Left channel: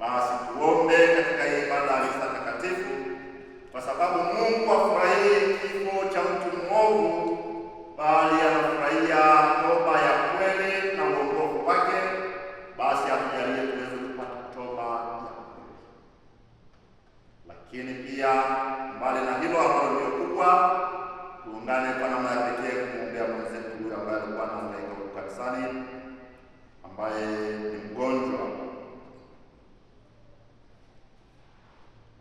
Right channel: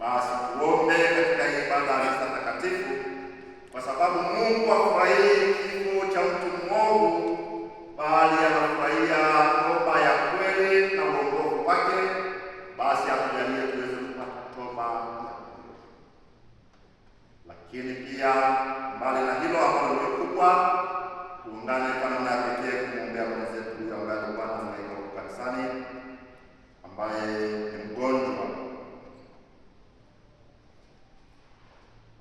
Basi tuombe katika ibada ya misa takatifu, kwa sababu Mungu hafurahii kifo cha mtu mwovu, bali anafurahia toba ya kweli na uongofu wake. Basi atujalie tuweze kupata toba ya kweli. Lakini pia mbali na hilo ambalo ndio kubwa, tuungane kwa namna ya pekee kumwombea mwenzetu huyu ambaye alikuwa anahangaika huko kanisani, ambaye ni mgonjwa,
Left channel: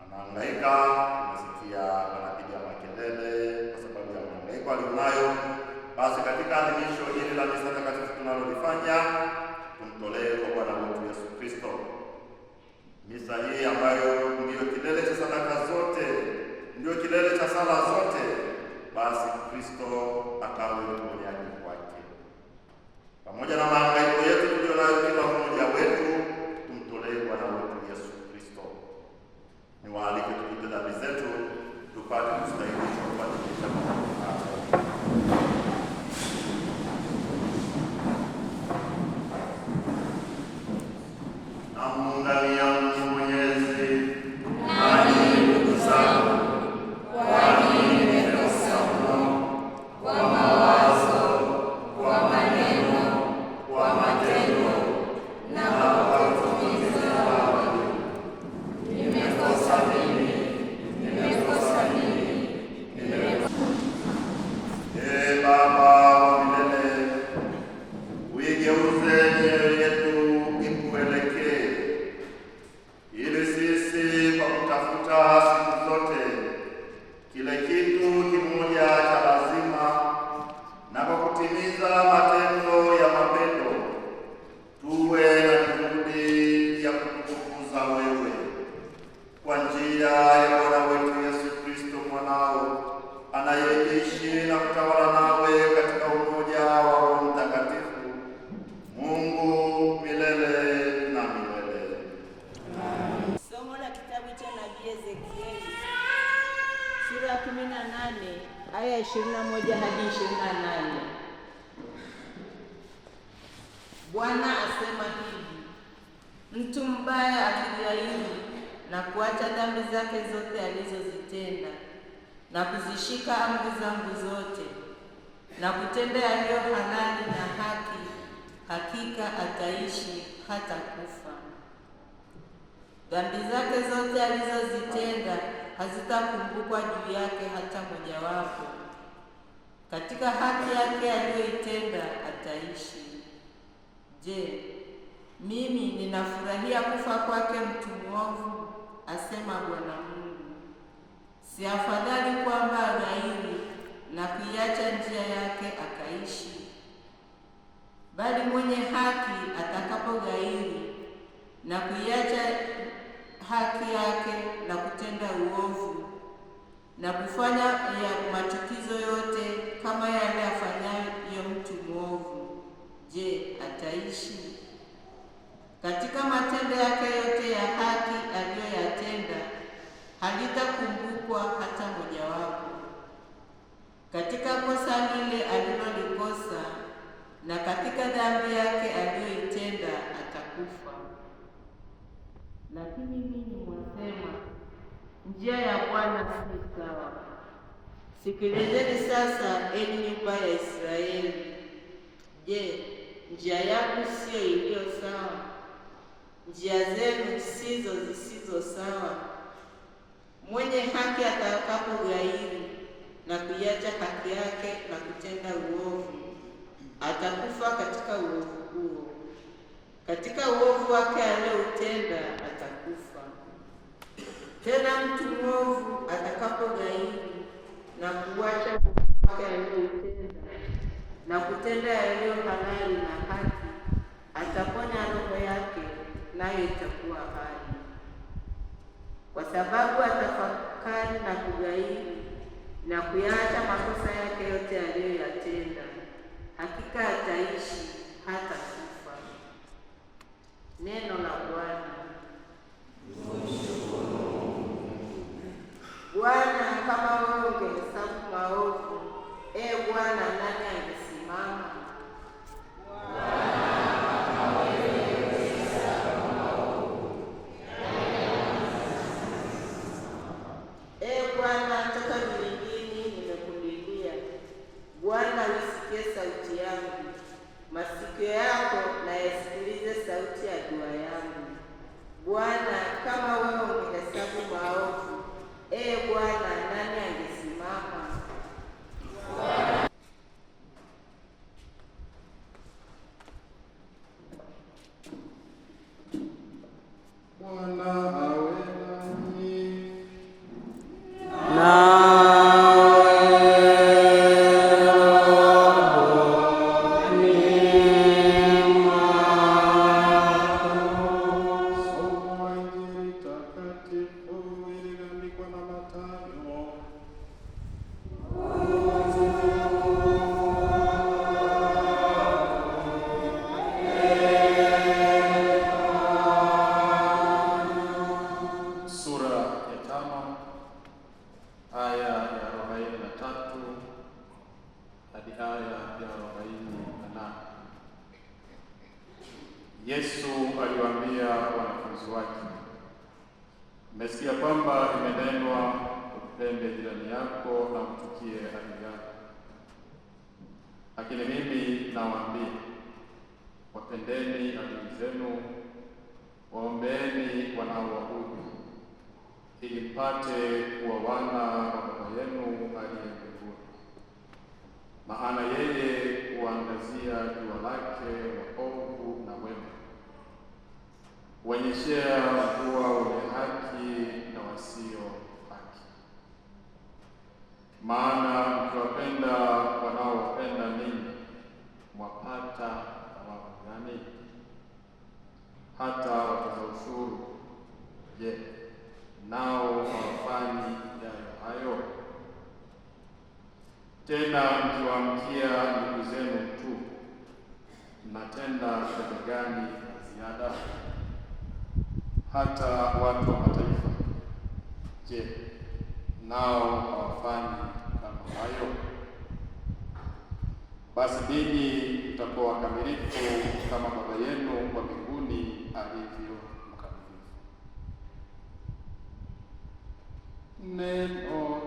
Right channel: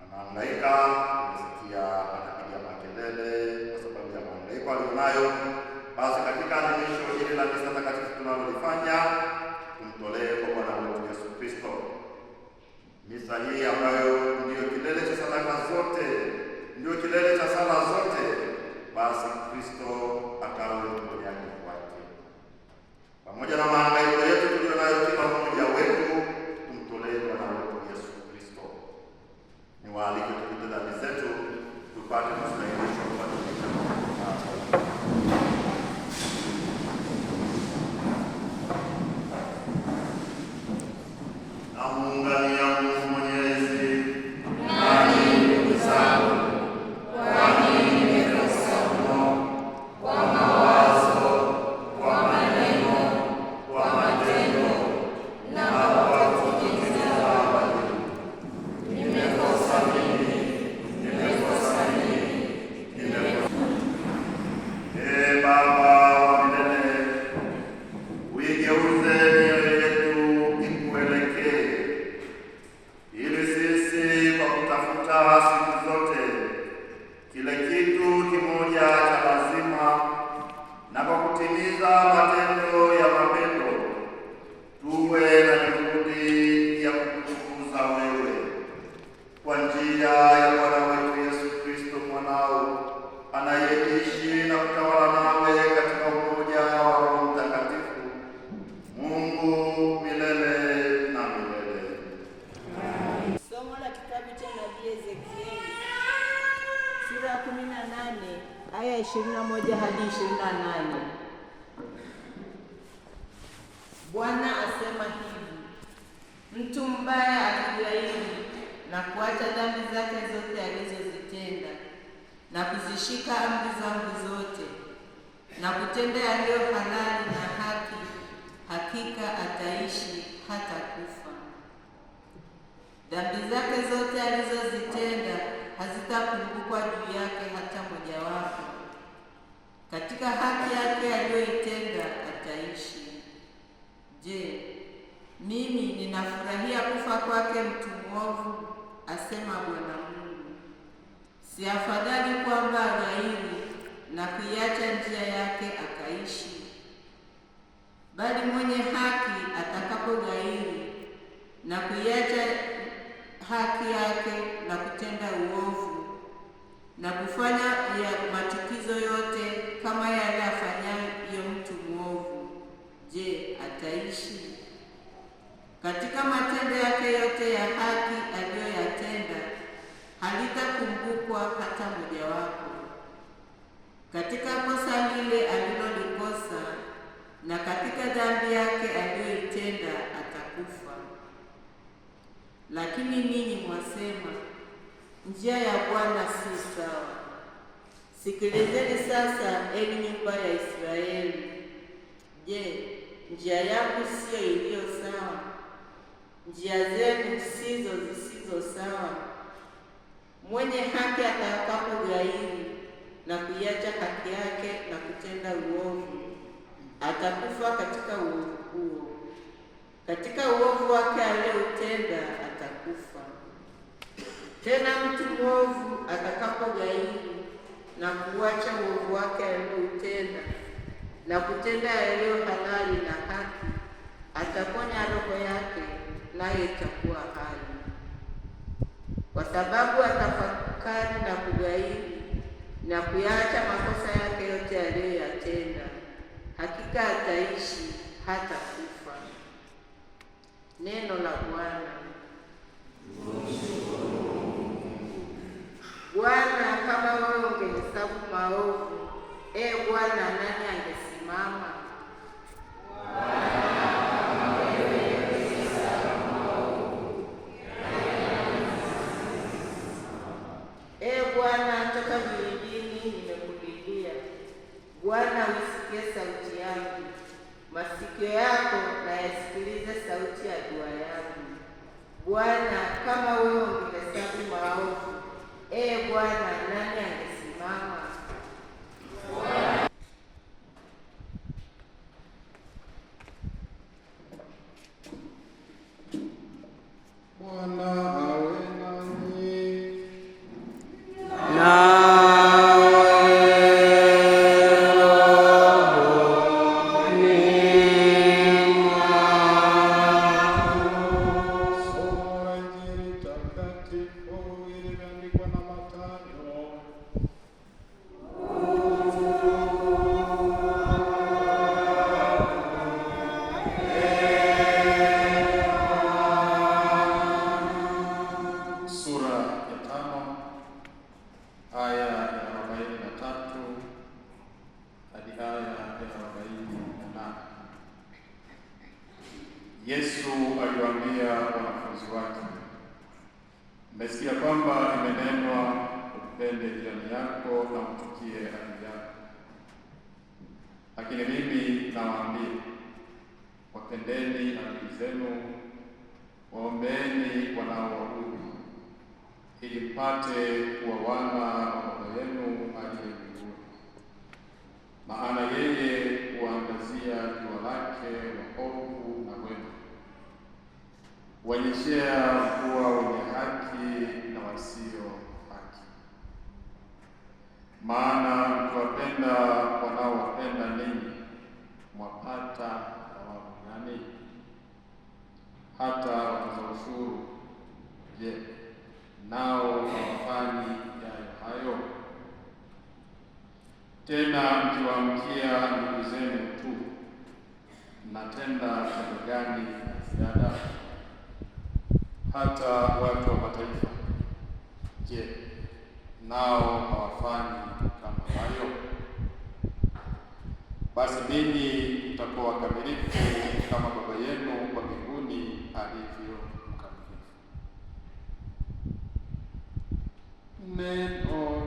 anahangaika. Tumesikia anapiga makelele kwa sababu ya mahangaiko alionayo. Basi katika adhimisho hili la misa takatifu tunalolifanya, tumtolee kwa Bwana wetu Yesu Kristo. Misa hii ambayo ndiyo kilele cha sadaka zote, ndiyo kilele cha sala zote, basi Kristo akawe mponyaji wake. Pamoja na mahangaiko yetu tulionayo kila mmoja wetu, tumtolee Bwana wetu Yesu Kristo. Niwaalike tupite dhambi zetu, tupate kustahilishwa kubadilisha na muungamia Mungu Mwenyezi. Nanyi ndugu zangu, kwani nimekosa mno kwa mawazo, kwa maneno, kwa matendo na kwa kutimiza wajibu. Nimekosa mimi, nimekosa mimi, nimekosa. Ee Baba wa milele, uigeuze mioyo yetu ikuelekee, ili sisi kwa kutafuta siku zote kile kitu kimoja cha lazima na kwa kutimiza matendo ya mapendo, tuwe na juhudi ya kukutukuza wewe kwa njia ya Bwana wetu Yesu Kristo mwanao, anayeishi na kutawala nawe katika umoja wa Roho Mtakatifu, Mungu milele na milele. Somo la kitabu cha nabii Ezekieli sura ya 18 aya 21 hadi 28. Bwana asema hivi: mtu mbaya akighairi na kuacha dhambi zake zote alizozitenda na kuzishika amri zangu zote na kutenda yaliyo halali na haki, hakika ataishi hata kufa. Dhambi zake zote alizozitenda hazitakumbukwa juu yake hata mojawapo. Katika haki yake aliyoitenda ataishi. Je, mimi ninafurahia kufa kwake mtu mwovu? Asema Bwana Mungu. Si afadhali kwamba aghairi na kuiacha njia yake akaishi? Bali mwenye haki atakapoghairi na kuiacha haki yake na kutenda uovu na kufanya ya machukizo yote kama yale afanyayo mtu mwovu, je, ataishi? Katika matendo yake yote ya haki aliyoyatenda halitakumbukwa hata mojawapo. Katika kosa lile alilolikosa na katika dhambi yake aliyoitenda atakufa. Lakini ninyi mwasema, njia ya Bwana si sawa. Sikilizeni sasa, enyi nyumba ya Israeli. Je, njia yangu siyo iliyo sawa? Njia zenu sizo zisizo sawa? Mwenye haki atakapoghairi na kuiacha haki yake na kutenda uovu, atakufa katika uovu huo. Katika uovu wake alioutenda atakufa. Tena mtu mwovu atakapoghairi na kuacha uovu wake alioutenda na kutenda yaliyo halali na haki, ataponya roho yake, nayo itakuwa hai. Kwa sababu atafakari na kughairi na kuyaacha makosa yake yote aliyoyatenda, hakika ataishi hata kufa. Neno la Bwana. Bwana, kama wewe ungehesabu maovu, Bwana, nani angesimama? Bwana, kama wewe ungehesabu maovu, Mmesikia kwamba imenenwa, upende jirani yako na umchukie adui yako. Lakini mimi nawaambia, wapendeni adui zenu, waombeeni wanaowaudhi, ili mpate kuwa wana wa Baba yenu aliye mbinguni. Maana yeye huangazia jua lake waovu na wema, huonyeshea kuwa wenye haki na wasio haki. Maana mkiwapenda wanaowapenda ninyi, mwapata thawabu gani? Hata watoza ushuru, je, nao hawafanyi yayo hayo? Tena mkiwaamkia ndugu zenu tu, mnatenda tendo gani la ziada? Hata watu wa mataifa, je, nao hawafanyi kama hayo? Basi ninyi mtakuwa wakamilifu kama Baba yenu wa mbinguni alivyo mkamilifu. Neno